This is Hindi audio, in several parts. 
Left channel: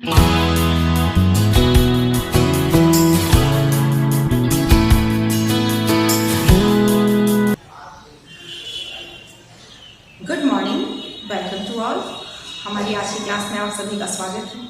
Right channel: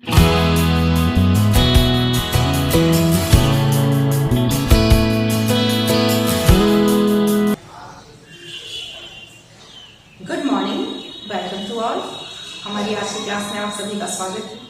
Good morning, welcome to all. हमारी आज की क्लास में आप सभी का स्वागत है।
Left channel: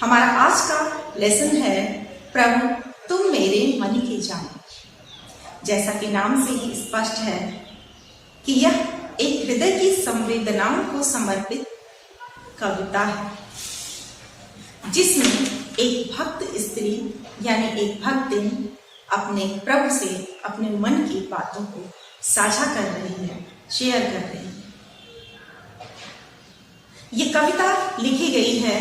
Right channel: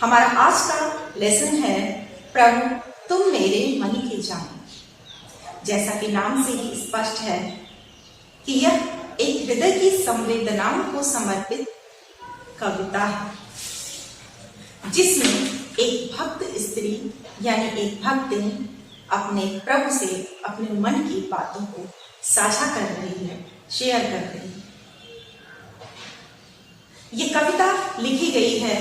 हमारा आज का लेसन है प्रभु तुम मेरे मन की जाने। जैसा कि नाम से ही स्पष्ट है कि यह एक हृदय की संवेदनाओं को समर्पित कविता है, जिसमें एक भक्त स्त्री यानी एक भक्तिन अपने प्रभु से अपने मन की बातों को साझा कर रही है, शेयर कर रही है। ये कविता लिखी गई है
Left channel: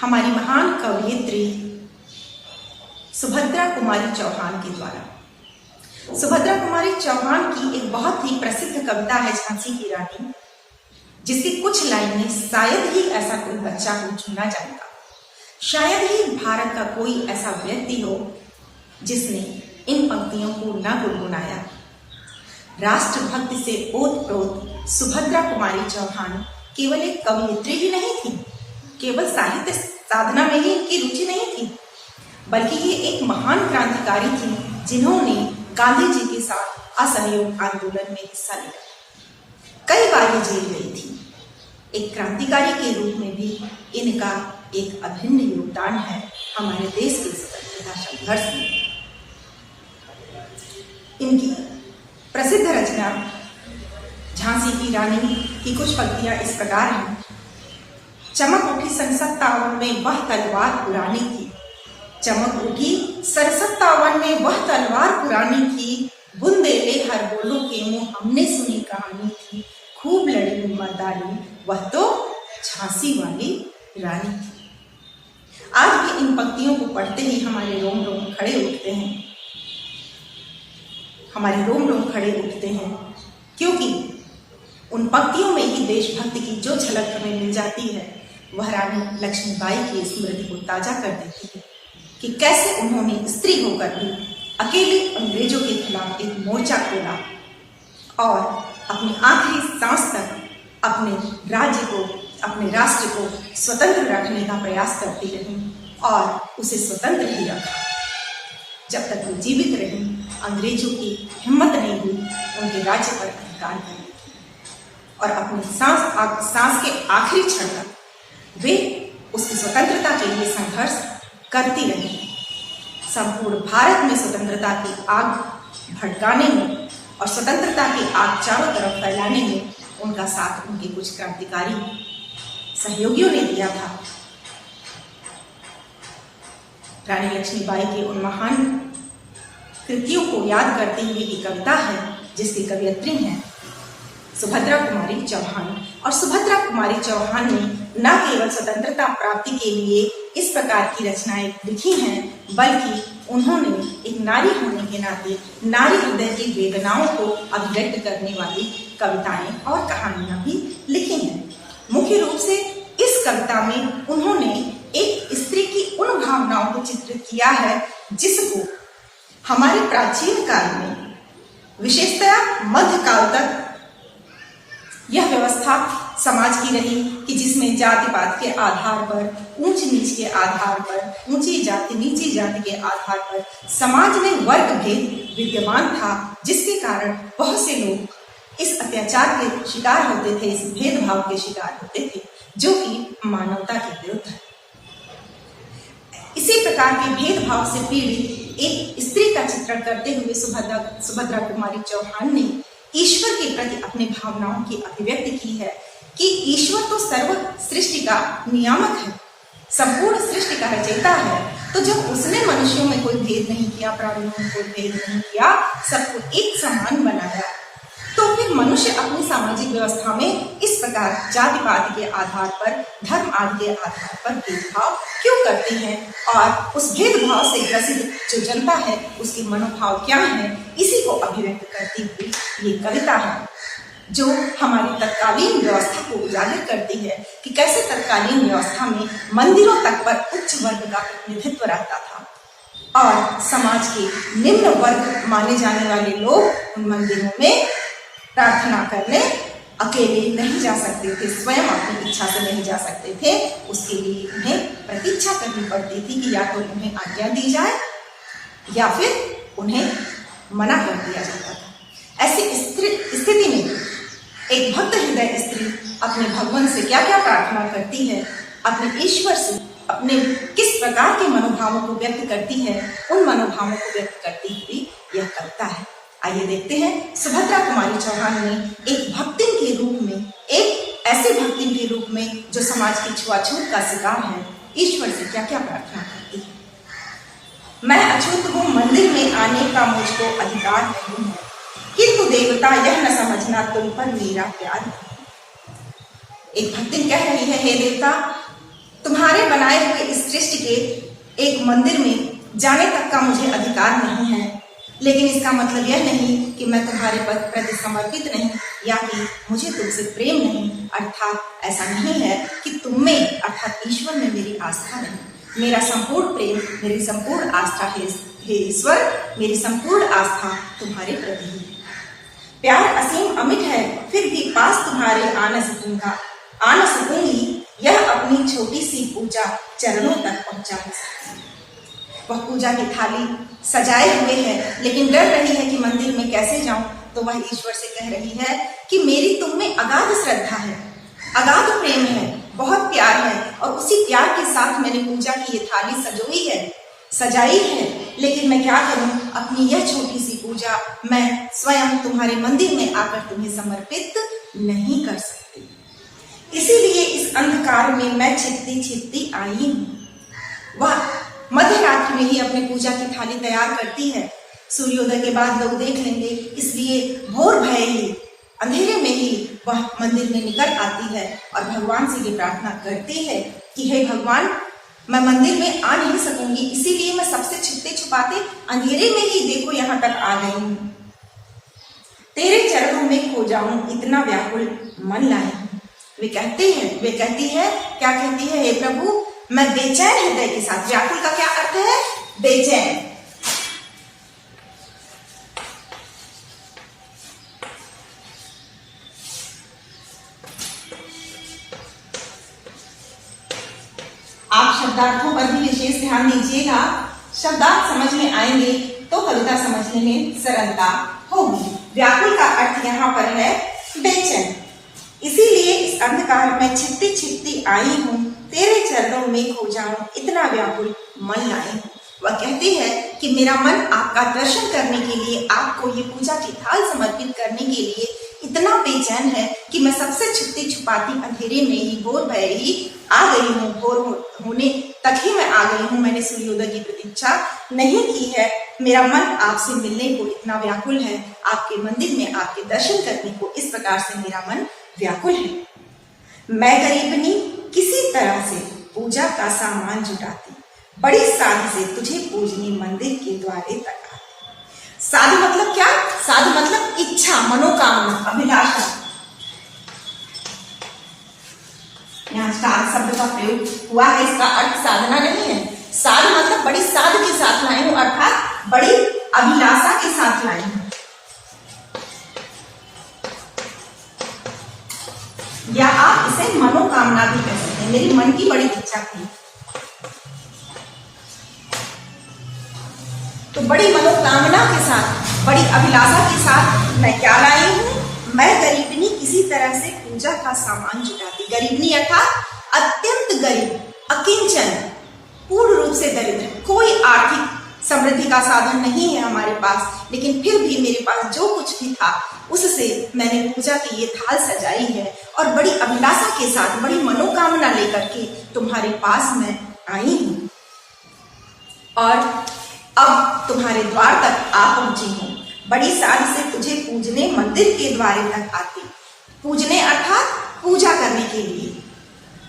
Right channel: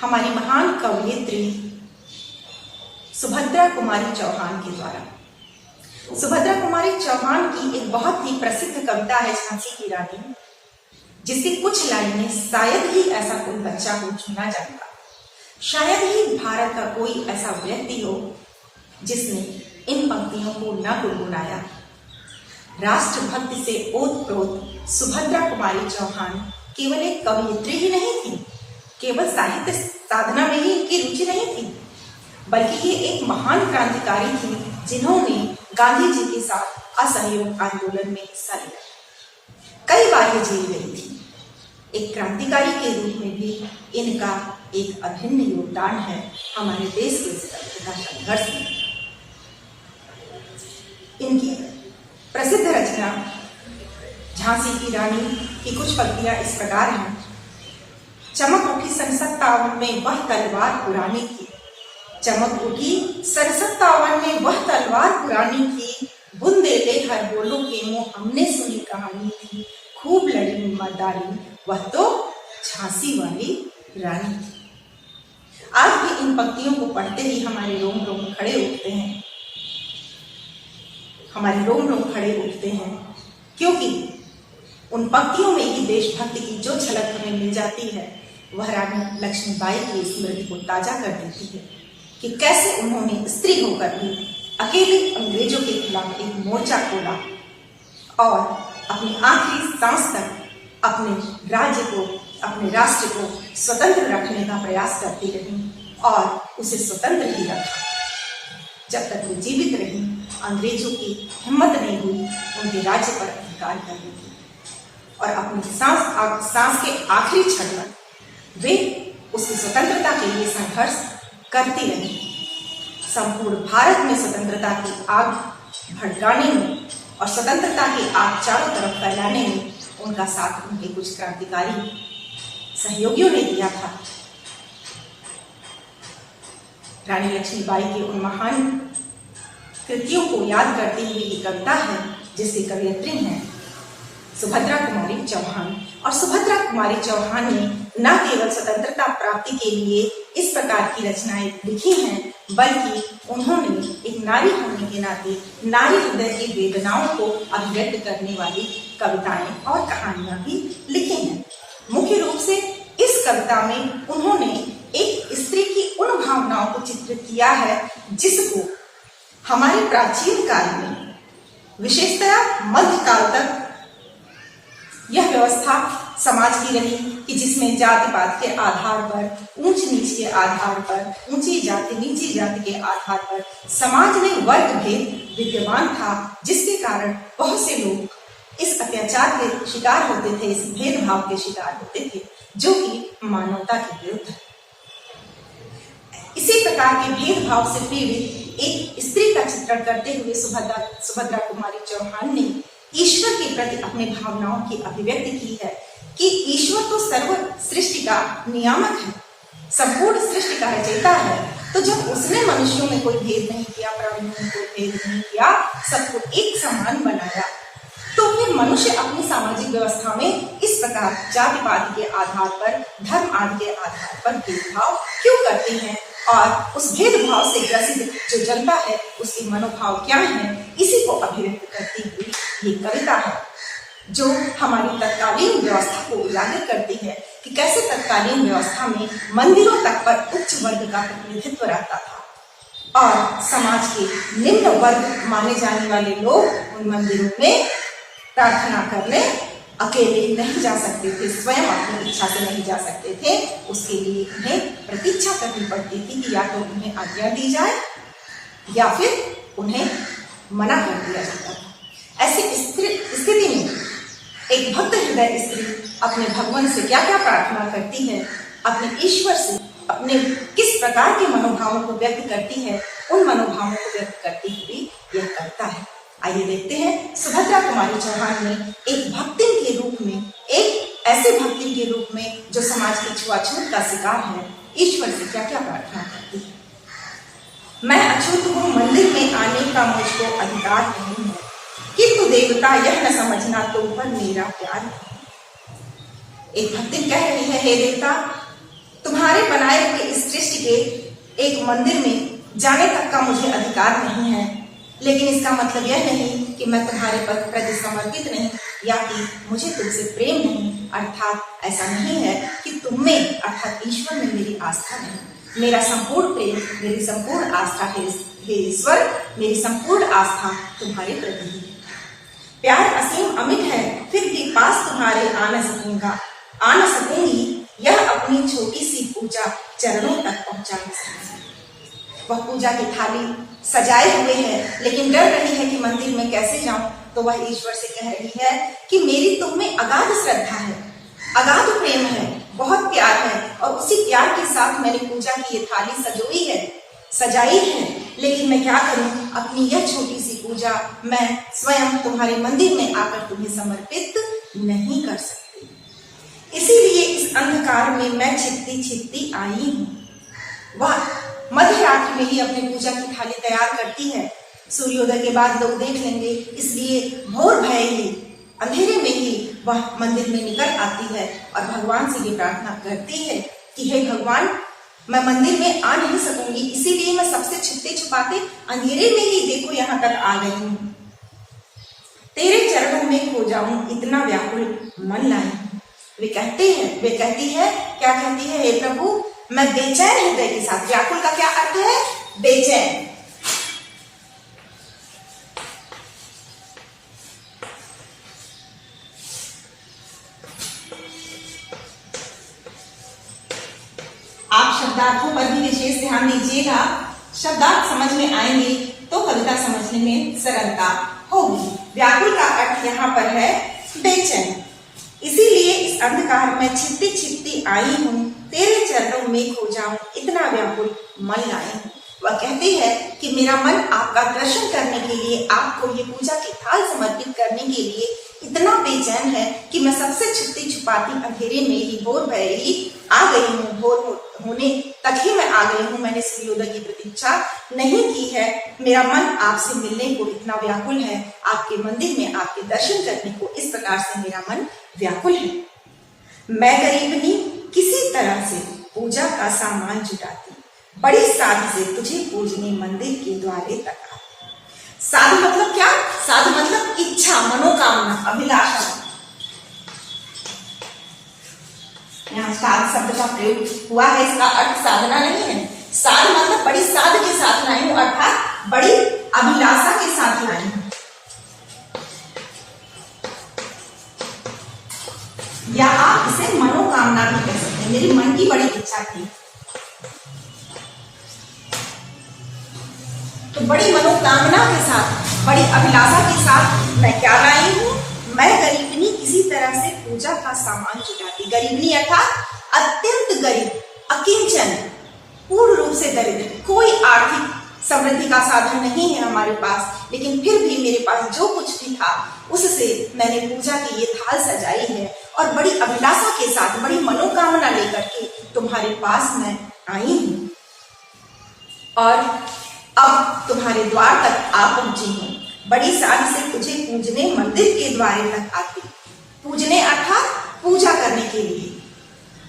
हमारी महान कवयित्री सुभद्रा कुमारी चौहान के द्वारा। सुभद्रा कुमारी चौहान की एक बहुत ही प्रसिद्ध कविता है झांसी की रानी, जिसकी कुछ लाइनें शायद ही ऐसा कोई बच्चा हो जो ना जानता। शायद ही भारत का कोई ऐसा व्यक्ति हो जिसने इन पंक्तियों को न गुनगुनाया। राष्ट्रभक्ति से ओतप्रोत सुभद्रा कुमारी चौहान केवल एक कवयित्री ही नहीं थी, केवल साहित्य साधना में ही इनकी रुचि नहीं थी, बल्कि ये एक महान क्रांतिकारी थी जिन्होंने गांधी जी के साथ असहयोग आंदोलन में हिस्सा लिया। कई बार ये जेल गई थी। एक क्रांतिकारी के रूप में भी इनका एक अभिन्न योगदान है हमारे देश के स्वतंत्रता संघर्ष में। इनकी प्रसिद्ध रचना झांसी की रानी की कुछ पंक्तियां इस प्रकार हैं। चमक उठी सन 57 में वह तलवार पुरानी की, चमक उठी सन 57 में वह तलवार पुरानी की, बुंदेले हर बोलों के मुंह हमने सुनी कहानी थी, खूब लड़ी मर्दानी वह तो झांसी वाली रानी थी। आज भी इन पंक्तियों को पढ़ते ही हमारे रोम रोम खड़े उठते हैं, हमारे रोम रोम खड़े उठते हैं, क्योंकि उन पंक्तियों में ही देशभक्ति की जो झलक हमें मिल जाती है वह रानी लक्ष्मीबाई की स्मृति को ताजा कर देती है कि कैसे उन्होंने स्त्री होकर भी अकेले अंग्रेजों के खिलाफ एक मोर्चा खोला और अपनी आखिरी सांस तक अपने राज्य को, अपने राष्ट्र को स्वतंत्र रखने का प्रयास करती रही और उसे स्वतंत्र ही रखा। जब तक वो जीवित रही, अंग्रेजों की हिम्मत नहीं हुई उनके राज्य पर अधिकार करने की, और अपनी सांस के आखिरी क्षण तक वे उसकी स्वतंत्रता के लिए संघर्ष करती रही। संपूर्ण भारत में स्वतंत्रता की आग भड़काने में और स्वतंत्रता की आग चारों तरफ फैलाने में उनका साथ उनके कुछ क्रांतिकारी सहयोगियों ने दिया था। रानी लक्ष्मीबाई के उन महान कृतियों को याद करती हुई ये कविता है, जिसकी कवयित्री हैं सुभद्रा कुमारी चौहान। और सुभद्रा कुमारी चौहान ने न केवल स्वतंत्रता प्राप्ति के लिए इस प्रकार की रचनाएं लिखी हैं, बल्कि उन्होंने एक नारी होने के नाते नारी हृदय की वेदनाओं को अभिव्यक्त करने वाली कविताएं और कहानियां भी लिखी हैं। मुख्य रूप से इस कविता में उन्होंने एक स्त्री की उन भावनाओं को चित्रित किया है जिसको हमारे प्राचीन काल में, विशेषतया मध्यकाल तक यह व्यवस्था समाज की रही कि जिसमें जाति पात के आधार पर, ऊंच नीच के आधार पर, ऊंची जाति नीची जाति के आधार पर समाज में वर्ग भेद विद्यमान था, जिसके कारण बहुत से लोग इस अत्याचार के शिकार होते थे, इस भेदभाव के शिकार होते थे, जो कि मानवता के विरुद्ध है। इसी प्रकार के भेदभाव से पीड़ित एक स्त्री का चित्रण करते हुए सुभद्रा कुमारी चौहान ने ईश्वर के प्रति अपने भावनाओं की अभिव्यक्ति की है कि ईश्वर तो सर्व सृष्टि का नियामक है, संपूर्ण सृष्टि का रचयिता है। तो जब उसने मनुष्यों में कोई भेद नहीं किया, प्राणियों में कोई भेद नहीं किया, सबको एक समान बनाया, तो फिर मनुष्य अपनी सामाजिक व्यवस्था में इस प्रकार जाति पाति के आधार पर, धर्म आदि के आधार पर भेदभाव क्यों करते हैं, और उस भेदभाव से ग्रसित जो जनता है उसके मनोभाव क्या है, इसी को अभिव्यक्त करती हुई ये कविता है, जो हमारी तत्कालीन व्यवस्था को उजागर करती है कि कैसे तत्कालीन व्यवस्था में मंदिरों तक पर उच्च वर्ग का प्रतिनिधित्व रहता था और समाज के निम्न वर्ग माने जाने वाले लोग उन मंदिरों में प्रार्थना करने अकेले नहीं जा सकते थे, स्वयं अपनी इच्छा से नहीं जा सकते थे, उसके लिए उन्हें प्रतीक्षा करनी पड़ती थी कि या तो उन्हें आज्ञा दी जाए या फिर उन्हें मना कर दिया जाता था। ऐसी स्थिति में एक भक्त हृदय स्त्री अपने भगवान से क्या क्या प्रार्थना करती है, अपने ईश्वर से अपने किस प्रकार के मनोभावों को व्यक्त करती है, उन मनोभावों को व्यक्त करती हुई यह करता है। आइए देखते हैं सुभद्रा कुमारी चौहान ने एक भक्तिन के रूप में, एक ऐसे भक्तिन के रूप में जो समाज की छुआछूत का शिकार है, ईश्वर से क्या क्या प्रार्थना करती है। मैं अछूत हूँ, मंदिर में आने का मुझको अधिकार नहीं है, किंतु देवता यह न समझना तुम पर मेरा प्यार नहीं। एक भक्तिन कह रही है, हे देवता, तुम्हारे बनाए हुए इस सृष्टि के एक मंदिर में जाने तक का मुझे अधिकार नहीं है, लेकिन इसका मतलब यह नहीं कि मैं तुम्हारे प्रति समर्पित नहीं या कि मुझे तुमसे प्रेम नहीं। अर्थात ऐसा नहीं है कि तुम में अर्थात ईश्वर में मेरी आस्था नहीं। मेरा संपूर्ण प्रेम, मेरी संपूर्ण आस्था है हे ईश्वर, मेरी संपूर्ण आस्था तुम्हारे प्रति है। प्यार असीम अमिट है, फिर भी पास तुम्हारे आ न सकूंगी, यह अपनी छोटी सी पूजा चरणों तक पहुंचा नहीं सकती। वह पूजा की थाली सजाए हुए है, लेकिन डर रही है कि मंदिर में कैसे जाऊं, तो वह ईश्वर से कह रही है कि मेरी तुम में अगाध श्रद्धा है, अगाध प्रेम है, बहुत प्यार है, और उसी प्यार के साथ मैंने पूजा की ये थाली सजाई है, लेकिन मैं क्या करूं, अपनी यह छोटी सी पूजा मैं स्वयं तुम्हारे मंदिर में आकर तुम्हें समर्पित नहीं कर सकती। इसीलिए इस अंधकार में मैं छिपती आई हूँ। वह मध्य रात्रि में ही अपनी पूजा की थाली तैयार करती है। सूर्योदय के बाद लोग देख लेंगे, इसलिए भोर भय ही, अंधेरे में ही वह मंदिर में निकल आती है और भगवान से ये प्रार्थना करती है कि हे भगवान, मैं मंदिर में आ नहीं सकूंगी, इसीलिए मैं सबसे छुपते छुपाते अंधेरे में ही देखो यहाँ तक आ गई हूँ। तेरे चरणों में खो जाऊं, इतना व्याकुल मन लाई हूँ। वे कहती है, क्या कहती है, हे प्रभु, मैं बेचैन हृदय के साथ, व्याकुल का क्या अर्थ है, बेचैन। आप शब्दार्थों पर भी विशेष ध्यान दीजिएगा। शब्दार्थ समझ में आएंगे तो कविता समझने में सरलता होगी। व्याकुल का अर्थ यहाँ पर है बेचैन। इसीलिए इस अंधकार में छिपती आई हूँ, तेरे चरणों में खो जाऊं, इतना व्याकुल मन लाए हूँ। वह कहती है कि मेरा मन आपका दर्शन करने के लिए, आपको ये पूजा की थाल समर्पित करने के लिए इतना बेचैन है कि मैं सबसे छुपती छुपाती अंधेरे में ही, भोर भय ही आ गई हूँ। भोर होने तक ही मैं आ गई हूँ, मैंने सूर्योदय की प्रतीक्षा नहीं की है। मेरा मन आपसे मिलने को इतना व्याकुल है, आपके मंदिर में आपके दर्शन करने को इस प्रकार से मेरा मन व्याकुल है। मैं गरीबनी किसी तरह से पूजा का सामान जुटाती, बड़ी साध से तुझे पूजने मंदिर के द्वारे तक आती। साध मतलब क्या? साध मतलब इच्छा, मनोकामना, अभिलाषा। यहाँ साध शब्द का प्रयोग हुआ है, इसका अर्थ साधना नहीं है। साध मतलब बड़ी साध के साथ लाई हूं, अर्थात बड़ी अभिलाषा के साथ लाई हूं, या आप इसे मनोकामना भी कह सकते हैं। मेरी मन की बड़ी इच्छा थी, तो बड़ी मनोकामना के साथ, बड़ी अभिलाषा के साथ मैं क्या लाई हूँ? मैं गरीबनी किसी तरह से पूजा का सामान जुटाती। गरीबनी अर्थात अत्यंत गरीब, अकिंचन, पूर्ण रूप से दरिद्र, कोई आर्थिक समृद्धि का साधन नहीं है हमारे पास, लेकिन फिर भी मेरे पास जो कुछ भी था उससे मैंने पूजा की ये थाल सजाई है और बड़ी अभिलाषा के साथ, बड़ी मनोकामना लेकर के तुम्हारे पास मैं आई हूँ और अब तुम्हारे द्वार तक आ पहुंची हूँ। बड़ी साध से तुझे पूजने मंदिर के द्वारे तक आती। पूजने अर्थात पूजा करने के लिए,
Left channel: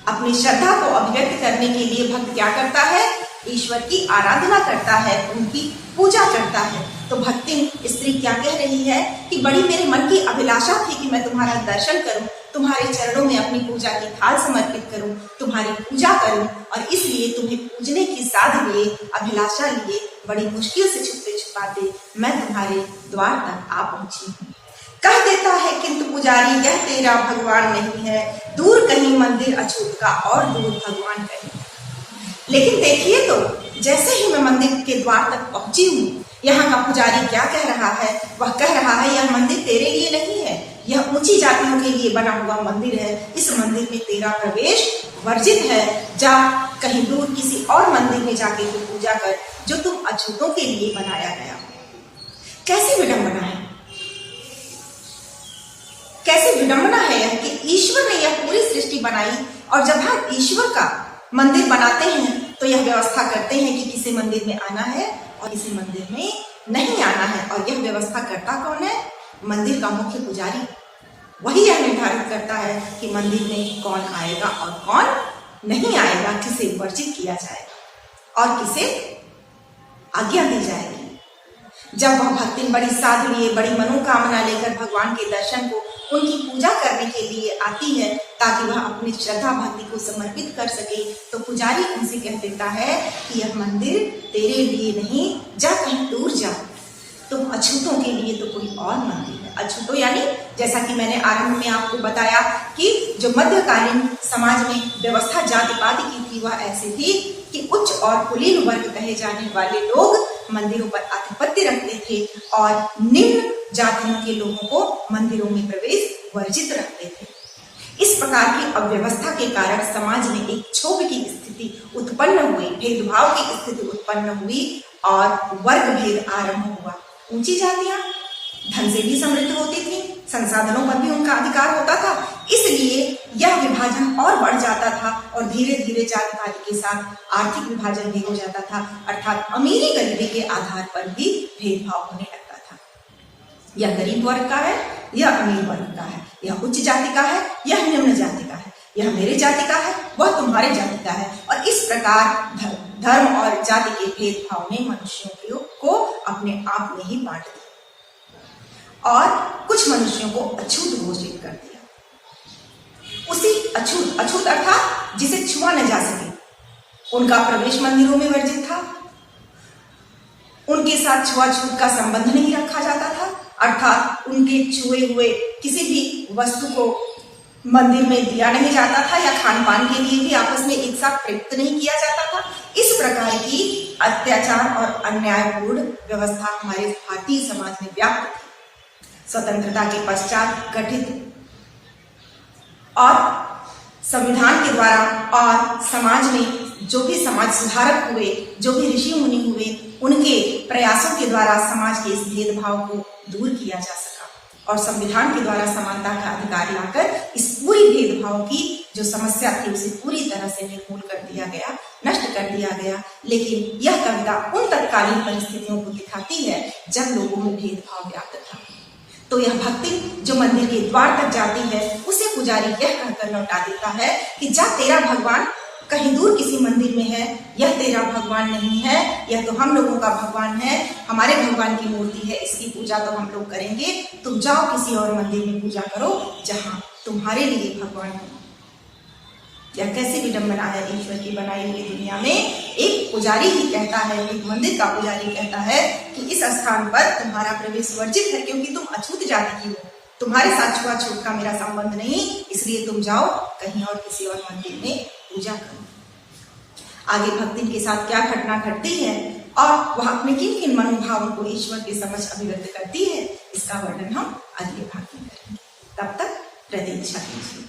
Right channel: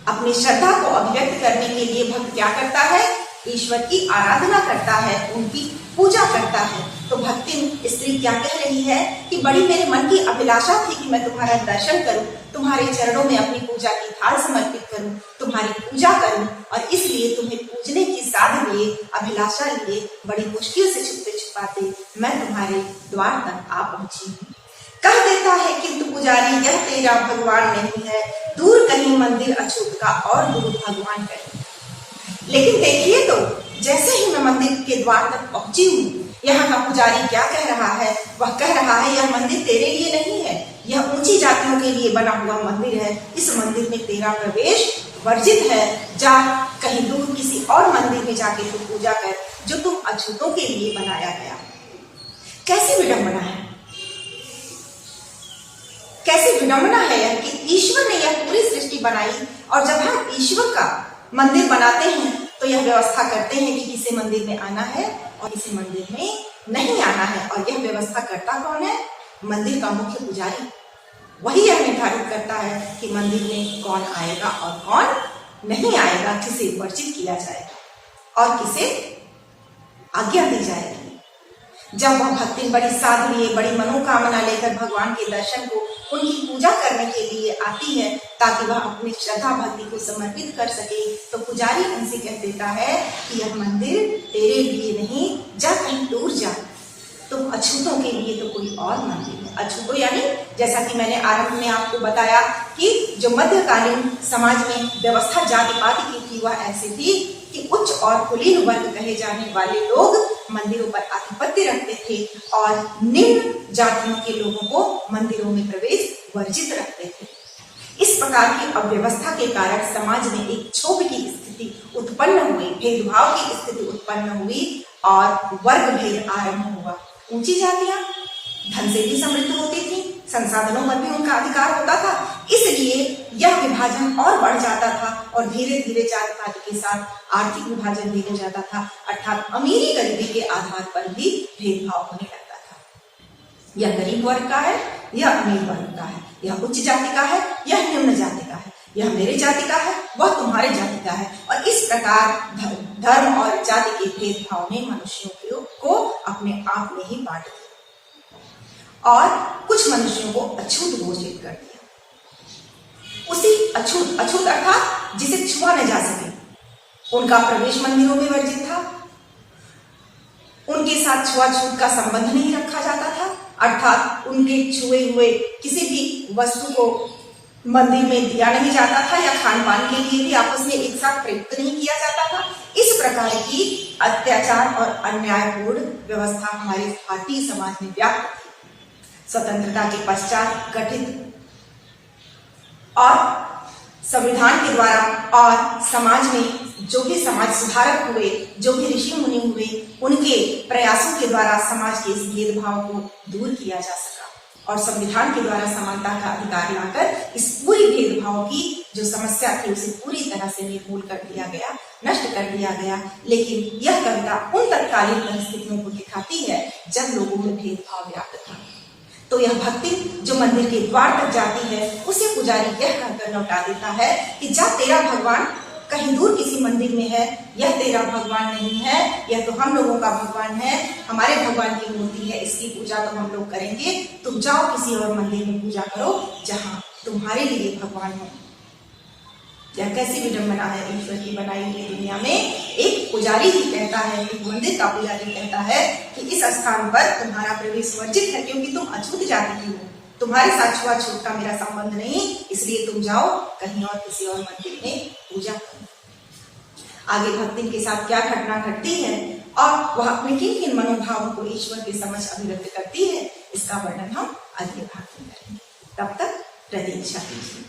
अपनी श्रद्धा को अभिव्यक्त करने के लिए भक्त क्या करता है? ईश्वर की आराधना करता है, उनकी पूजा करता है। तो भक्तिन स्त्री क्या कह रही है कि बड़ी मेरे मन की अभिलाषा थी कि मैं तुम्हारा दर्शन करूं, तुम्हारे चरणों में अपनी पूजा की थाल समर्पित करूं, तुम्हारी पूजा करूं, और इसलिए तुम्हें पूजने की साध लिए, अभिलाषा लिए, बड़ी मुश्किल से छुपते छुपाते मैं तुम्हारे द्वार तक आ पहुंची हूँ। कह देता है किंतु पुजारी यह तेरा भगवान नहीं है, दूर कहीं मंदिर अछूत का और दूर भगवान कहीं। लेकिन देखिए तो, जैसे ही मैं मंदिर के द्वार तक पहुंची हूँ, यहाँ का पुजारी क्या कह रहा है? वह कह रहा है यह मंदिर तेरे लिए नहीं है, यह ऊंची जातियों के लिए बना हुआ मंदिर है, इस मंदिर में तेरा प्रवेश वर्जित है। जा कहीं दूर किसी और मंदिर में जाके तू पूजा कर, जो तुम अछूतों के लिए बनाया गया। कैसी विडंबना है, कैसी विडंबना है यह कि ईश्वर ने यह पूरी सृष्टि बनाई, और जब हम ईश्वर का मंदिर बनाते हैं तो यह व्यवस्था करते हैं कि किसी मंदिर में आना है और किसी मंदिर में नहीं आना है। और यह व्यवस्था करता कौन है? मंदिर का मुख्य पुजारी। वही यह निर्धारित करता है कि मंदिर में कौन आएगा और कौन नहीं आएगा, किसे वर्जित किया जाएगा और किसे आज्ञा दी जाएगी। जब वह भक्ति बड़ी साधु लिए, बड़ी मनोकामना लेकर भगवान के दर्शन को, उनकी पूजा करने के लिए आती है ताकि वह अपनी श्रद्धा भक्ति को समर्पित कर सके, तो पुजारी उनसे कह देता है कि यह मंदिर तेरे लिए नहीं, जा कहीं दूर जा, तुम अछूतों के लिए तो कोई और मंदिर है। अछूतों यानी जैसा कि मैंने आरंभ में आपको बताया कि जो मध्यकालीन समाज में व्यवस्था जाति पाति की थी, वह ऐसी थी कि उच्च और कुलीन वर्ग कहे जाने वाले लोग मंदिरों पर आधिपत्य रखते थे और निम्न जातियों के लोगों को मंदिरों में प्रवेश वर्जित रखते थे। इस प्रकार की अव्यवस्था के कारण समाज में एक क्षोभ की स्थिति उत्पन्न हुई, भेदभाव की स्थिति उत्पन्न हुई और वर्ग भेद आरंभ हुआ। ऊंची जातियां धन से भी समृद्ध होती थी, संसाधनों पर भी उनका अधिकार होता था, इसलिए यह विभाजन और बढ़ जाता था और धीरे धीरे जाति पाति के साथ आर्थिक विभाजन भी हो जाता था, अर्थात अमीरी गरीबी के आधार पर भी भेदभाव होने लगता था। यह गरीब वर्ग का है, यह अमीर वर्ग का है, यह उच्च जाति का है, यह निम्न जाति का है, यह मेरे जाति का है, वह तुम्हारे जाति का है। और इस प्रकार धर्म और जाति के भेदभाव ने मनुष्यों को अपने आप में ही बांट दिया और कुछ मनुष्यों को अछूत घोषित कर दिया। उसी अछूत अर्थात जिसे छुआ न जा सके, उनका प्रवेश मंदिरों में वर्जित था, उनके साथ छुआछूत का संबंध नहीं रखा जाता था, अर्थात उनके छुए हुए किसी भी वस्तु को मंदिर में दिया नहीं जाता था या खान पान के लिए भी आपस में एक साथ प्रयुक्त नहीं किया जाता था। इस प्रकार की अत्याचार और अन्यायपूर्ण व्यवस्था हमारे भारतीय समाज में व्याप्त थी। स्वतंत्रता के पश्चात गठित और संविधान के द्वारा और समाज में जो भी समाज सुधारक हुए, जो भी ऋषि मुनि हुए, उनके प्रयासों के द्वारा समाज के इस भेदभाव को दूर किया जा सका और संविधान के द्वारा समानता का अधिकार लाकर इस पूरी भेदभाव की जो समस्या थी उसे पूरी तरह से निर्मूल कर दिया गया, नष्ट कर दिया गया। लेकिन यह कविता उन तत्कालीन परिस्थितियों को दिखाती है जब लोगों में भेदभाव व्याप्त था। तो यह भक्ति जो मंदिर के द्वार तक जाती है, उसे पुजारी यह कहकर लौटा देता है कि जा तेरा भगवान कहीं दूर किसी मंदिर में है, यह तेरा भगवान नहीं है, यह तो हम लोगों का भगवान है, हमारे भगवान की मूर्ति है, इसकी पूजा तो हम लोग करेंगे, तुम जाओ किसी और मंदिर में पूजा करो जहां तुम्हारे लिए भगवान है। यह कैसी विडंबना है ईश्वर की बनाई हुई दुनिया में। एक पुजारी ही कहता है, एक मंदिर का पुजारी कहता है कि इस स्थान पर तुम्हारा प्रवेश वर्जित है क्योंकि तुम अछूत जाति की हो, तुम्हारे साथ छुआछूत का मेरा संबंध नहीं, इसलिए तुम जाओ कहीं और किसी और मंदिर में पूजा करो। आगे भक्ति के साथ क्या घटना घटती है और वह अपने किन किन मनोभावों को ईश्वर के समक्ष अभिव्यक्त करती है, इसका वर्णन हम अगले भाग में करेंगे। तब तक प्रतीक्षा कीजिए।